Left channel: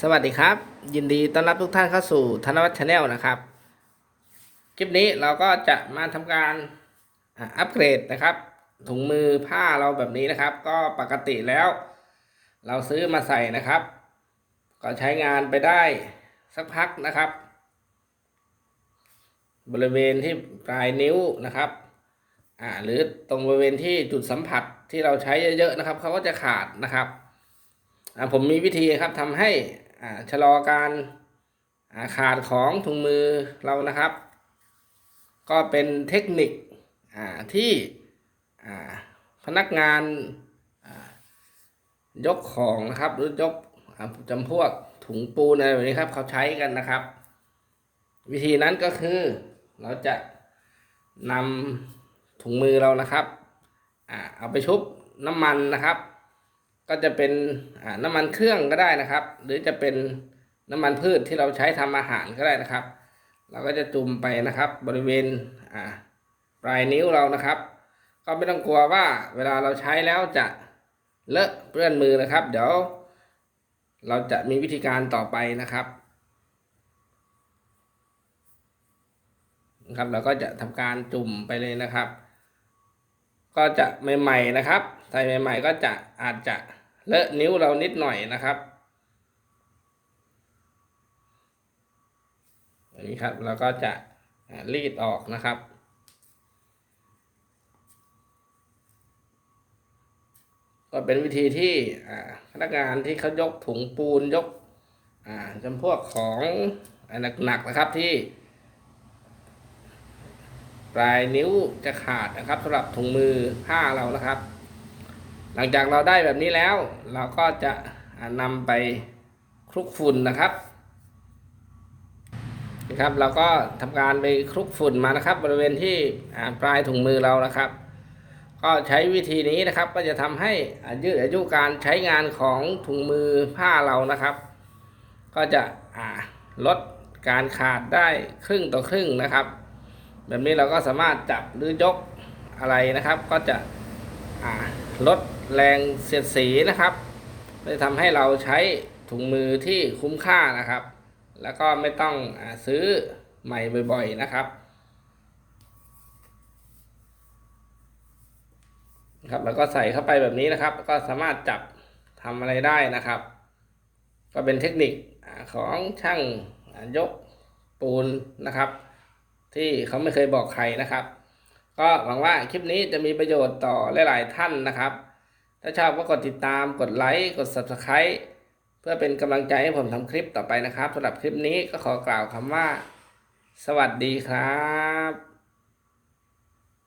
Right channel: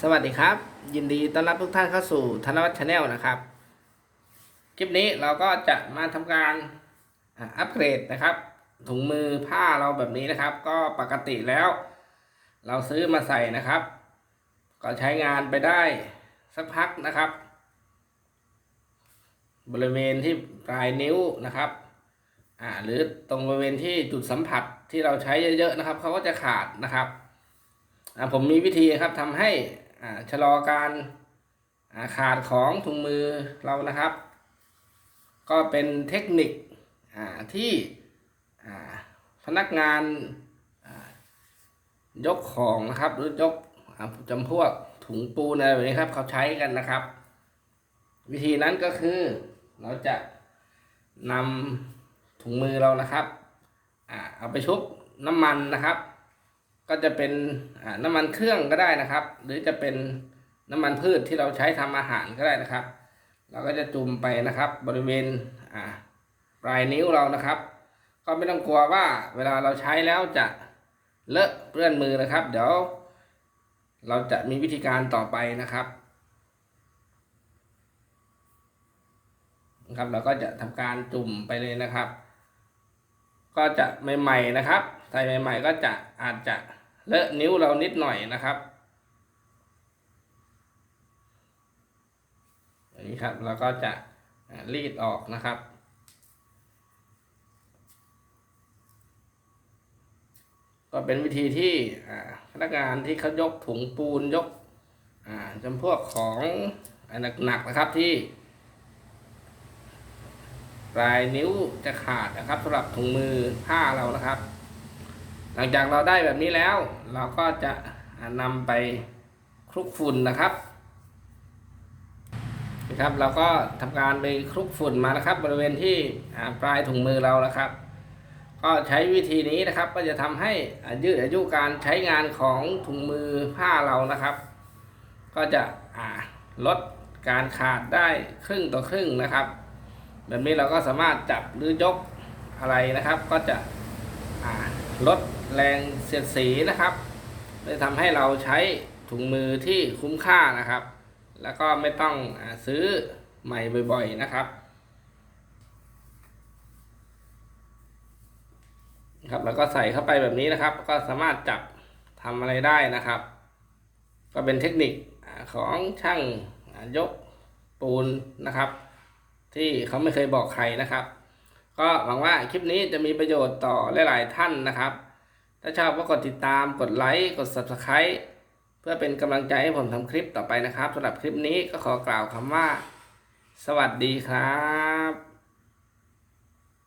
สวัสดีครับ ยินดีต้อนรับทุกท่านเข้าสู่ธนวัฒน์ชาแนลนะครับ คลิปนี้เราก็จะมาทำการอัปเกรดนะครับ ถุงมือผ้าเราแบบนี้นะครับ ก็ปกติแล้ว เราซื้อมาใส่นะครับ ก็ใช้งานไปได้สักพักนะครับ บริเวณที่ปลายนิ้วนะครับอ่าหรือตรงบริเวณที่จุดสัมผัสที่เราใช้เยอะๆนะครับเขาก็จะขาดนะครับอ่าผมมีวิธีครับทำให้ ชะลอการาขาดของถุงมือเรานะครับ ก็เป็นเทคนิคอ่าที่อ่าพนักงานายกของนะครับ หรือยกจำพวกถุงปูนอะไรแบบนี้ครับ เขาใช้กันนะครับ วิธีนั้นก็คือเราจะนำถุงมือเรานะครับอ่าเอาไปชุบน้ำมันนะครับ ก็จะเป็นน้ำมันเครื่องก็ได้นะครับ หรือจะเป็นน้ำมันพืชที่เราใช้ทำอาหารก็ได้นะครับ เราก็จะจุ่มไปนะครับ บริเวณปลายนิ้วเรานะครับ ก็ไม่ต้องกลัวว่าเวลาเราใช้แล้วจะเลอะเปื้อนมือนะครับ เดี๋ยว เราจะมีวิธีการต่อไปนะครับนะครับเราก็จะทำการจุ่มไปเลยนะครับ ก็จะใหม่ ๆนะครับ ใส่ใหม่ ๆ ก็จะอาจจะ เลอะนิ้วเรานิดหน่อยนะครับอันนี้ครับเราก็จะรีดออกนะครับก็เป็นวิธีที่พนักงานที่เขายกถุงปูนยกจำพวกของหนักๆนะครับที่ปลายนิ้วจะขาดนะครับสำหรับถุงมือผ้าเรานะครับ หลังจากเราได้แบบนี้แล้ว เราก็จะนำไปคลุกฝุ่นนะครับนะครับ เราก็ทำการไปคลุกฝุ่นมานะครับ บริเวณที่ปลายถุงมือเรานะครับ ก็ใช้วิธีนี้นะครับ ก็จะทำให้ยืดอายุการใช้งานของถุงมือผ้าเรานะครับ ก็จะลดการขาดได้ครึ่งต่อครึ่งนะครับ แบบนี้เราก็สามารถจับหรือยกอะไรนะครับ ก็จะอ่า ลดแรงเสียดสีนะครับไม่ทำให้เราใช้ถุงมือที่คุ้มค่านะครับ แล้วก็ไม่ต้องซื้อใหม่บ่อยๆนะครับครับแล้วก็ใส่เข้าไปแบบนี้นะครับ ก็สามารถจับทำอะไรได้นะครับ ก็เป็นเทคนิคของช่างยกปูนนะครับ ที่เขาไม่เคยบอกใครนะครับ ก็หวังว่าคลิปนี้จะมีประโยชน์ต่อหลาย ๆ ท่านนะครับ ถ้าชอบก็กดติดตาม กดไลค์ กด Subscribe เพื่อเป็นกำลังใจให้ผมทำคลิปต่อไปนะครับสำหรับคลิปนี้ก็ขอกล่าวคำว่า สวัสดีครับ